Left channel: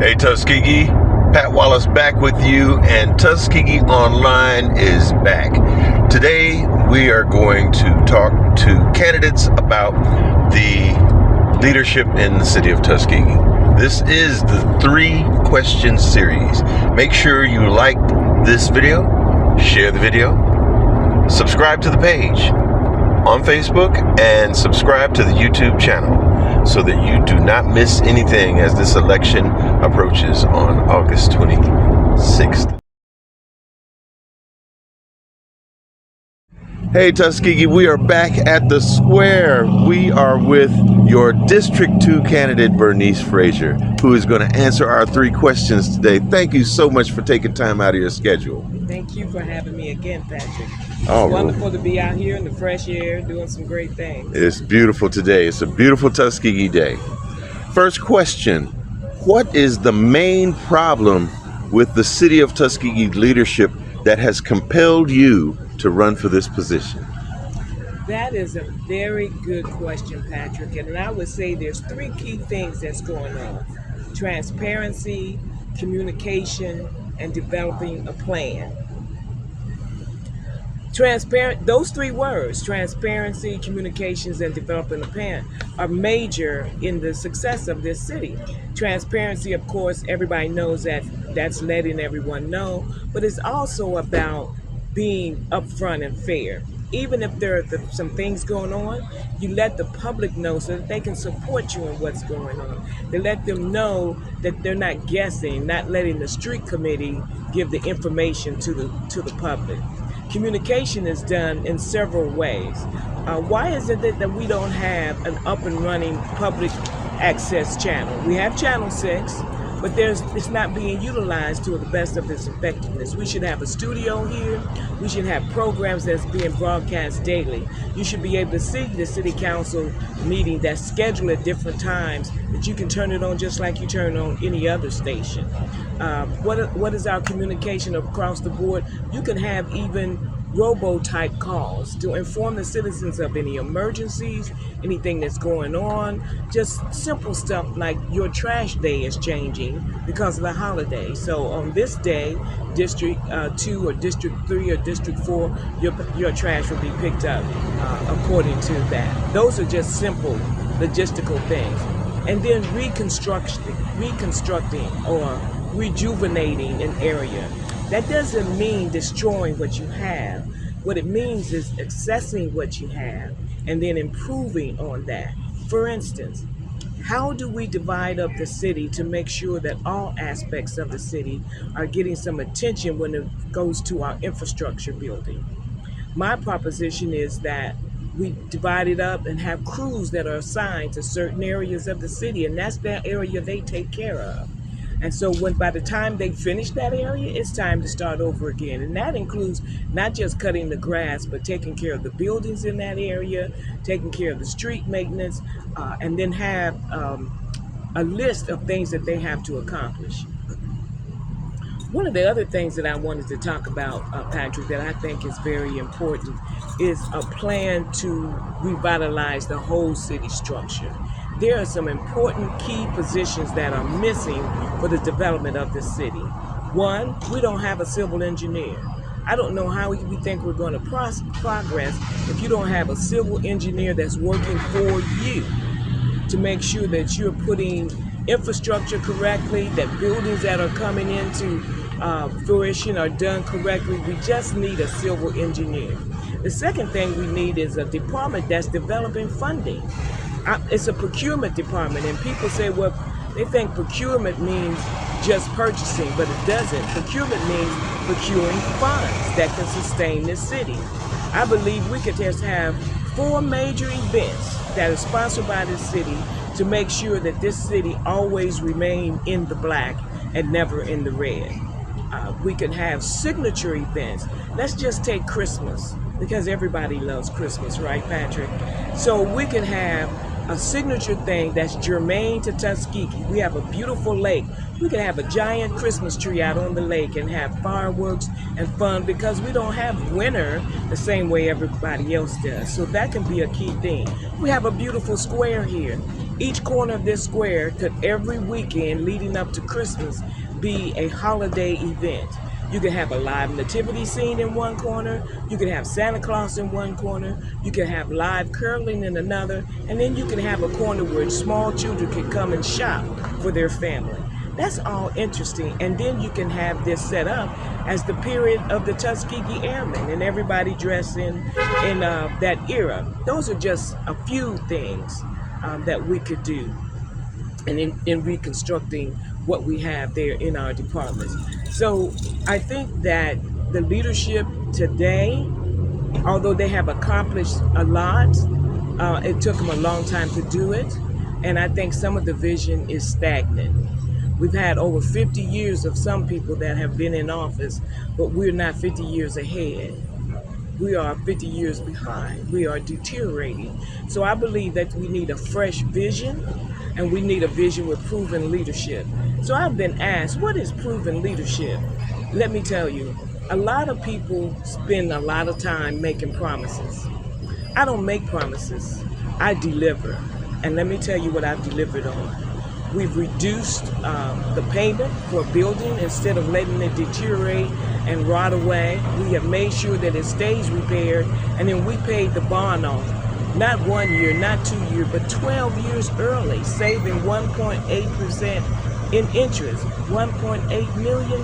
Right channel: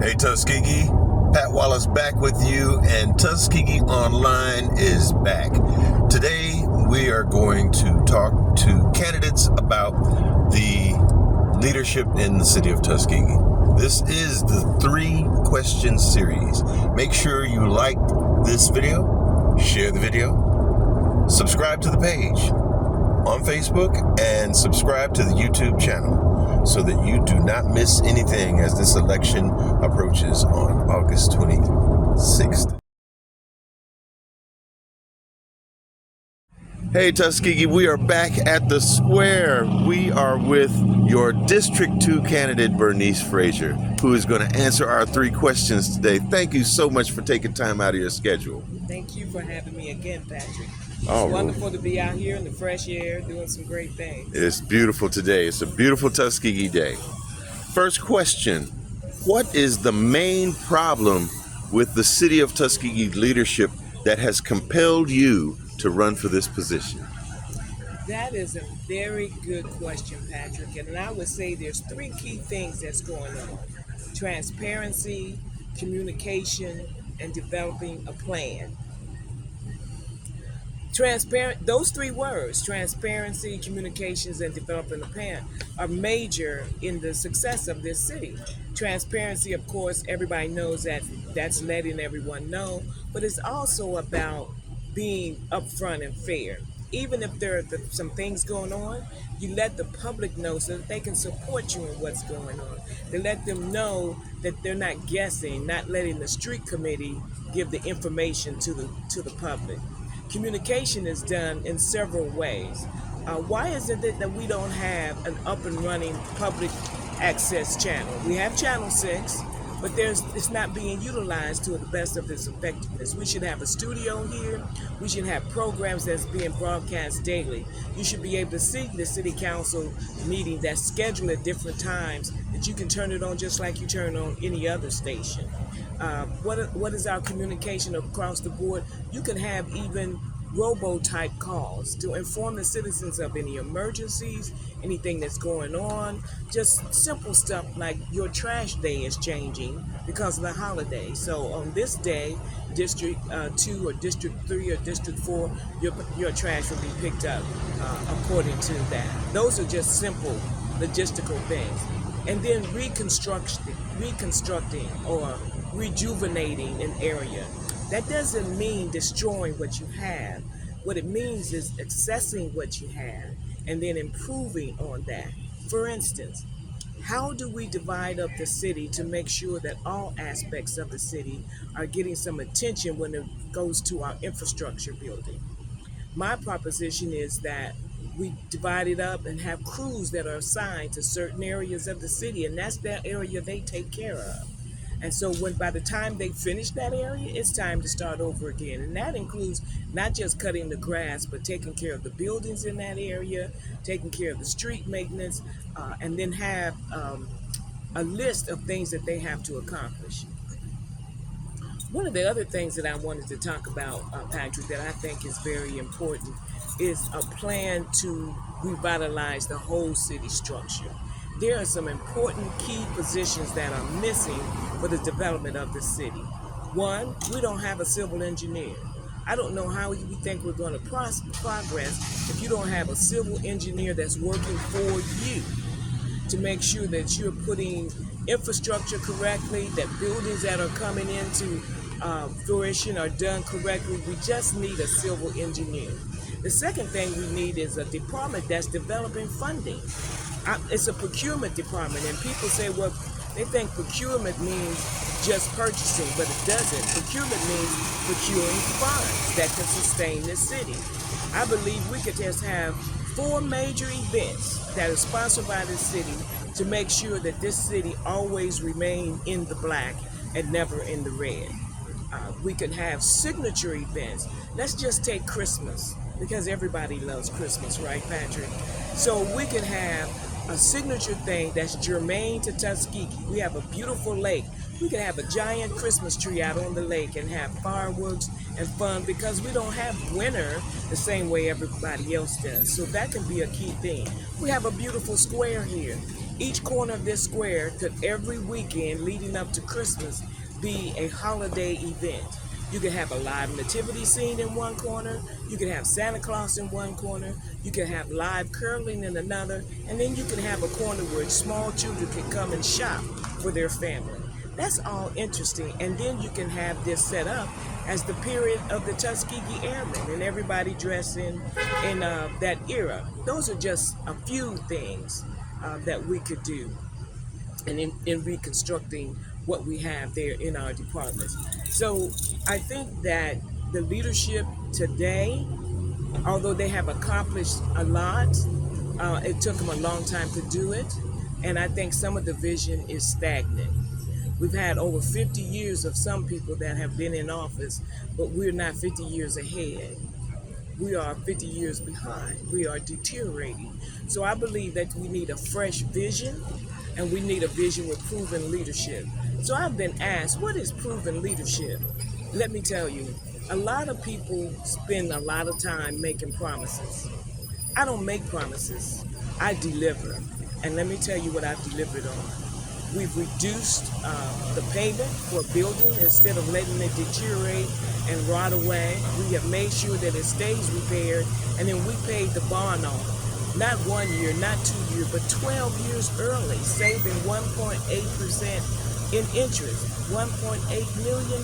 Hey Tuskegee, Pat Wallace back with you, and Tuskegee Online is back. Today we are going to talk to candidates about the leadership in the City of Tuskegee. This is the 3-question series. Make sure you like this video, share the video, subscribe to the page on Facebook, and subscribe to the YouTube channel so that you do not miss anything as this election approaches on August 26th. Hey Tuskegee, we are back at the square. We are with your District 2 candidate, Bernice Frazier, who is going to answer our 3 questions today. Thank you so much for taking time out of your schedule. Thank you for having me again, Patrick. It's wonderful to be out here in the fresh air doing some great things. It's beautiful today. It's a beautiful Tuskegee day. First question, what is the main problem with the City of Tuskegee leadership that has compelled you to run for this position? That is a very good question, Patrick. And I would say there's 3 key things that's going on: transparency, communication, and developing a plan. Those 3 words, transparency, communications, and developing a plan, are major in the success of this city. Transparency, of course, everybody knows that that's letting everyone know, but it's also about being upfront and fair. Even if there are some things going on, you let the public know so that they can support you in what's going on. They let them know that they're not guessing, not letting the street committee give the information to the public. Communication is done in several ways. Why is it that we don't have an up and running public access channel? We have Channel 6, but it's not being utilized to the best of its effectiveness. We should have a studio here. We should have programs that's being broadcast daily. You should be able to see the city council meeting that's scheduled at different times, that you can turn it on just like you turn on any other station. What is our communication across the board? You can have even robo-type calls to inform the citizens of any emergencies, anything that's going on, just simple stuff like your trash day is changing because of the holiday. So on this day, District 2 or District 3 or District 4, your trash will be picked up according to that. Those are just simple logistical things. And then reconstructing or rejuvenating an area. That doesn't mean destroying what you have. What it means is accessing what you have and then improving on that. For instance, how do we divide up the city to make sure that all aspects of the city are getting some attention when it goes to our infrastructure building? My proposition is that we divide it up and have crews that are assigned to certain areas of the city, and that's their area they take care of. And so by the time they finish that area, it's time to start over again. And that includes not just cutting the grass, but taking care of the buildings in that area, taking care of the street maintenance, and then have a list of things that they have to accomplish. One of the other things that I wanted to talk about, Patrick, that I think is very important is a plan to revitalize the whole city structure. There are some important key positions that are missing for the development of the city. One, we don't have a civil engineer. I don't know how we think we're going to progress if you don't have a civil engineer that's working for you to make sure that you're putting infrastructure correctly, that buildings that are coming into fruition are done correctly. We just need a civil engineer. The second thing we need is a department that's developing funding. It's a procurement department, and people say, well, they think procurement means just purchasing, but it doesn't. Procurement means procuring funds that can sustain the city. I believe we could just have 4 major events that are sponsored by the city to make sure that this city always remain in the black and never in the red. We can have signature events. Let's just take Christmas, because everybody loves Christmas, right, Patrick? So we can have a signature thing that's germane to Tuskegee. We have a beautiful lake. We can have a giant Christmas tree out on the lake and have fireworks and fun, because we don't have winter the same way everybody else does. So that can be a key thing. We have a beautiful square here. Each corner of this square could every weekend leading up to Christmas be a holiday event. You could have a live nativity scene in one corner, you could have Santa Claus in one corner, you could have live curling in another, and then you could have a corner where small children could come and shop for their family. That's all interesting. And then you can have this set up as the period of the Tuskegee Airmen and everybody dressed in that era. Those are just a few things that we could do and in reconstructing what we have there in our departments. So I think that the leadership today, although they have accomplished a lot, it took them a long time to do it. And I think some of the vision is stagnant. We've had over 50 years of some people that have been in office, but we're not 50 years ahead. We are 50 years behind. We are deteriorating. So I believe that we need a fresh vision, and we need a vision with proven leadership. So I've been asked, what is proven leadership? Let me tell you, a lot of people spend a lot of time making promises. I don't make promises, I deliver. And let me tell you what I've delivered on. We've reduced the payment for a building instead of letting it deteriorate and rot away. We have made sure that it stays repaired, and then we paid the bond off. Not 1 year, not 2 years, but 12 years early, saving 1.8% in interest, $1.8 million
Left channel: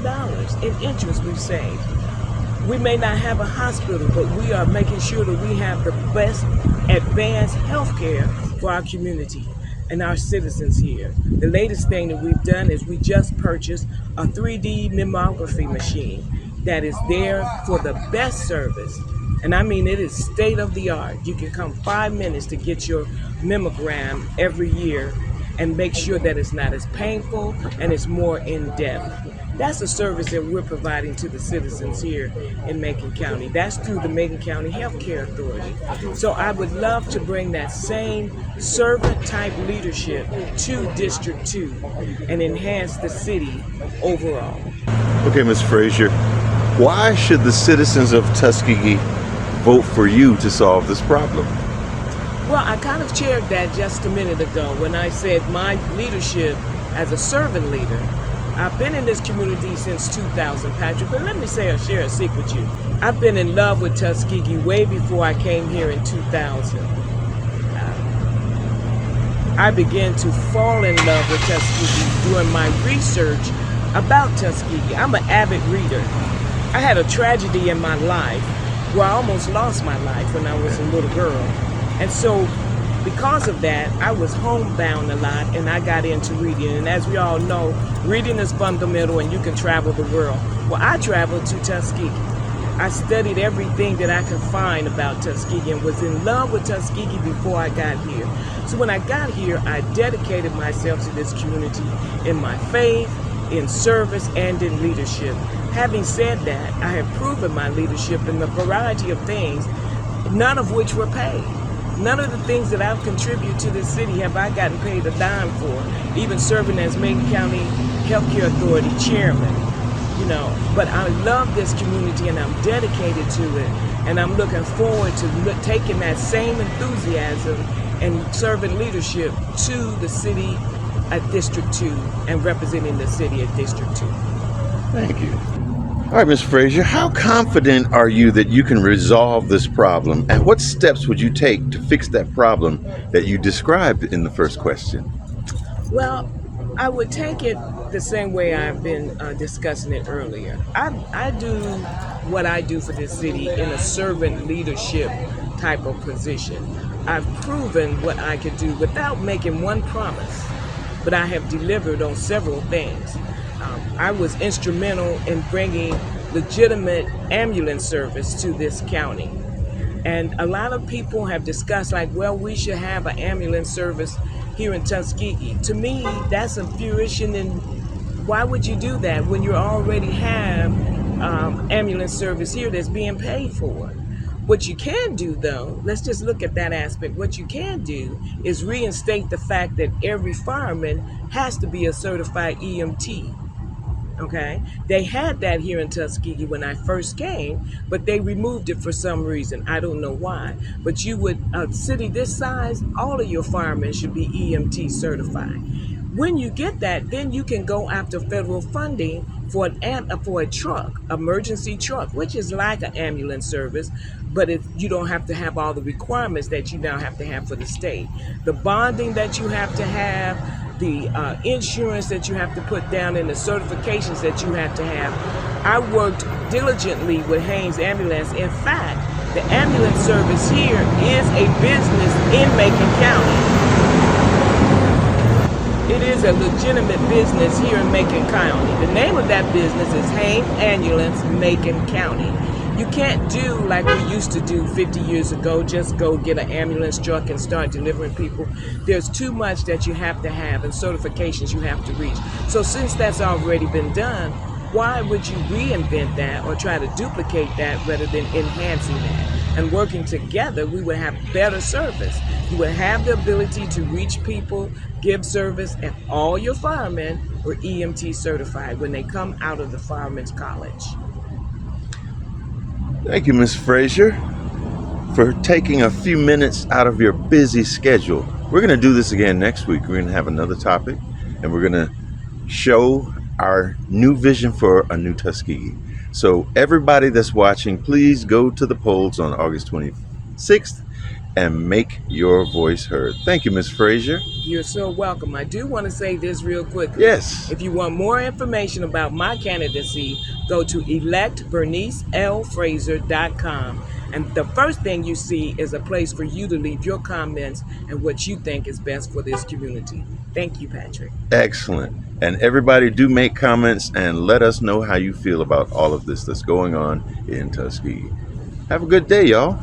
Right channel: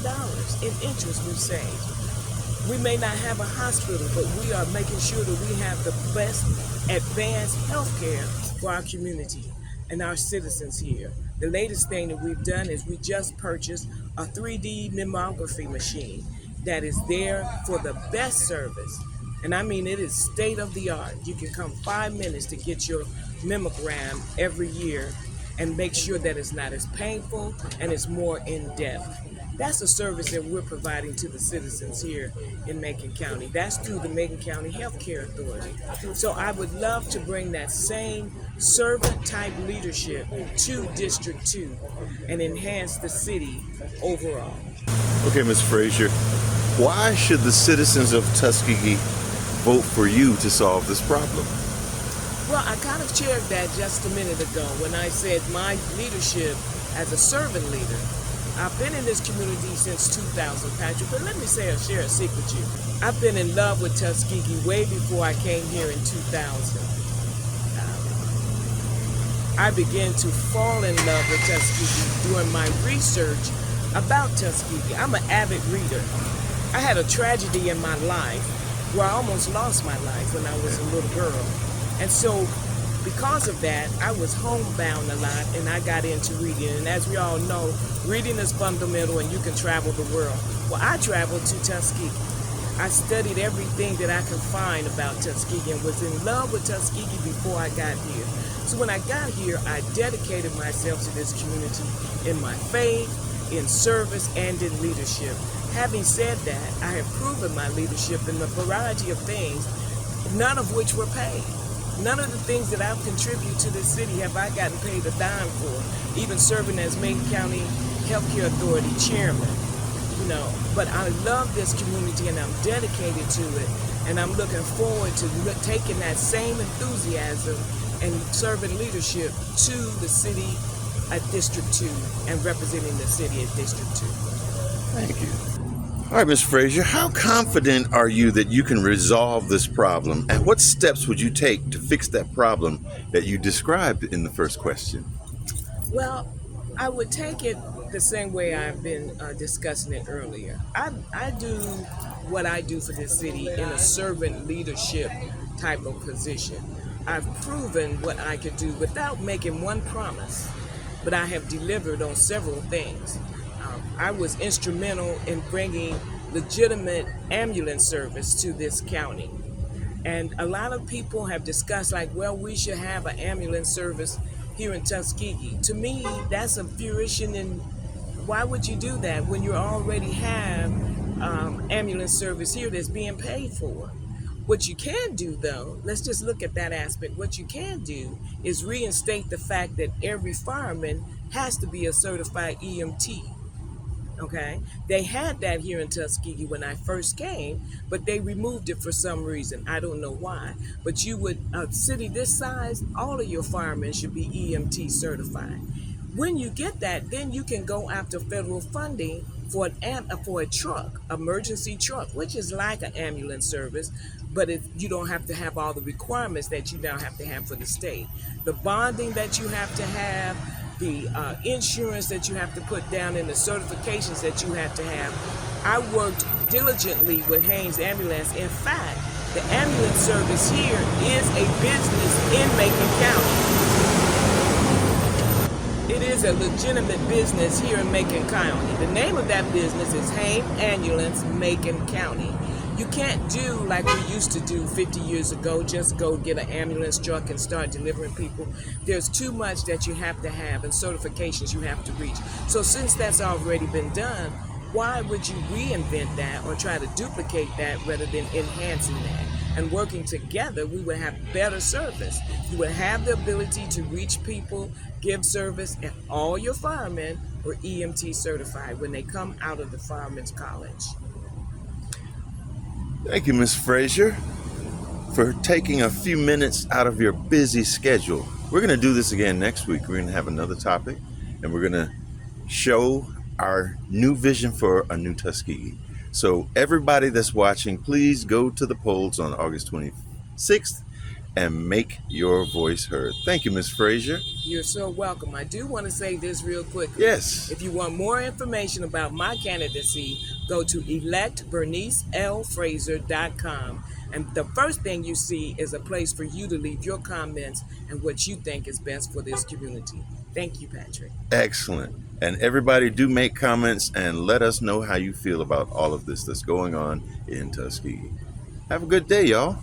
in interest we've saved. We may not have a hospital, but we are making sure that we have the best advanced health care for our community and our citizens here. The latest thing that we've done is we just purchased a 3D mammography machine that is there for the best service. And I mean, it is state of the art. You can come 5 minutes to get your mammogram every year and make sure that it's not as painful and it's more in depth. That's a service that we're providing to the citizens here in Macon County. That's through the Macon County Healthcare Authority. So I would love to bring that same servant-type leadership to District 2 and enhance the city overall. Okay, Ms. Frazier, why should the citizens of Tuskegee vote for you to solve this problem? Well, I kind of shared that just a minute ago when I said my leadership as a servant leader. I've been in this community since 2000, Patrick, but let me share a secret with you. I've been in love with Tuskegee way before I came here in 2000. I began to fall in love with Tuskegee during my research about Tuskegee. I'm an avid reader. I had a tragedy in my life where I almost lost my life when I was a little girl. And so because of that, I was homebound a lot, and I got into reading. And as we all know, reading is fundamental, and you can travel the world. Well, I traveled to Tuskegee. I studied everything that I could find about Tuskegee and was in love with Tuskegee before I got here. So when I got here, I dedicated myself to this community in my faith, in service, and in leadership. Having said that, I have proven my leadership in a variety of things, none of which were paid. None of the things that I've contributed to this city have I gotten paid a dime for, even serving as Macon County Healthcare Authority chairman, you know. But I love this community and I'm dedicated to it, and I'm looking forward to taking that same enthusiasm and serving leadership to the city at District 2 and representing the city at District 2. Thank you. All right, Ms. Frazier, how confident are you that you can resolve this problem, and what steps would you take to fix that problem that you described in the first question? Well, I would take it the same way I've been discussing it earlier. I do what I do for this city in a servant leadership type of position. I've proven what I could do without making one promise, but I have delivered on several things. I was instrumental in bringing legitimate ambulance service to this county. And a lot of people have discussed, like, well, we should have an ambulance service here in Tuskegee. To me, that's a fruition, and why would you do that when you already have ambulance service here that's being paid for? What you can do, though, let's just look at that aspect. What you can do is reinstate the fact that every fireman has to be a certified EMT. Okay, they had that here in Tuskegee when I first came, but they removed it for some reason. I don't know why. But you would, a city this size, all of your firemen should be EMT certified. When you get that, then you can go after federal funding for for a truck, emergency truck, which is like an ambulance service, but you don't have to have all the requirements that you now have to have for the state. The bonding that you have to have, the insurance that you have to put down, and the certifications that you have to have. I worked diligently with Haynes Ambulance. In fact, the ambulance service here is a business in Macon County. It is a legitimate business here in Macon County. The name of that business is Haynes Ambulance, Macon County. You can't do like we used to do 50 years ago, just go get an ambulance truck and start delivering people. There's too much that you have to have and certifications you have to reach. So since that's already been done, why would you reinvent that or try to duplicate that rather than enhancing that? And working together, we would have better service. You would have the ability to reach people, give service, and all your firemen were EMT certified when they come out of the Firemen's College. Thank you, Ms. Frazier, for taking a few minutes out of your busy schedule. We're going to do this again next week. We're going to have another topic, and we're going to show our new vision for a new Tuskegee. So everybody that's watching, please go to the polls on August 26th and make your voice heard. Thank you, Ms. Frazier. You're so welcome. I do want to say this real quickly. Yes. If you want more information about my candidacy, go to electbernicelfrazier.com. And the first thing you see is a place for you to leave your comments and what you think is best for this community. Thank you, Patrick. Excellent. And everybody do make comments and let us know how you feel about all of this that's going on in Tuskegee. Have a good day, y'all.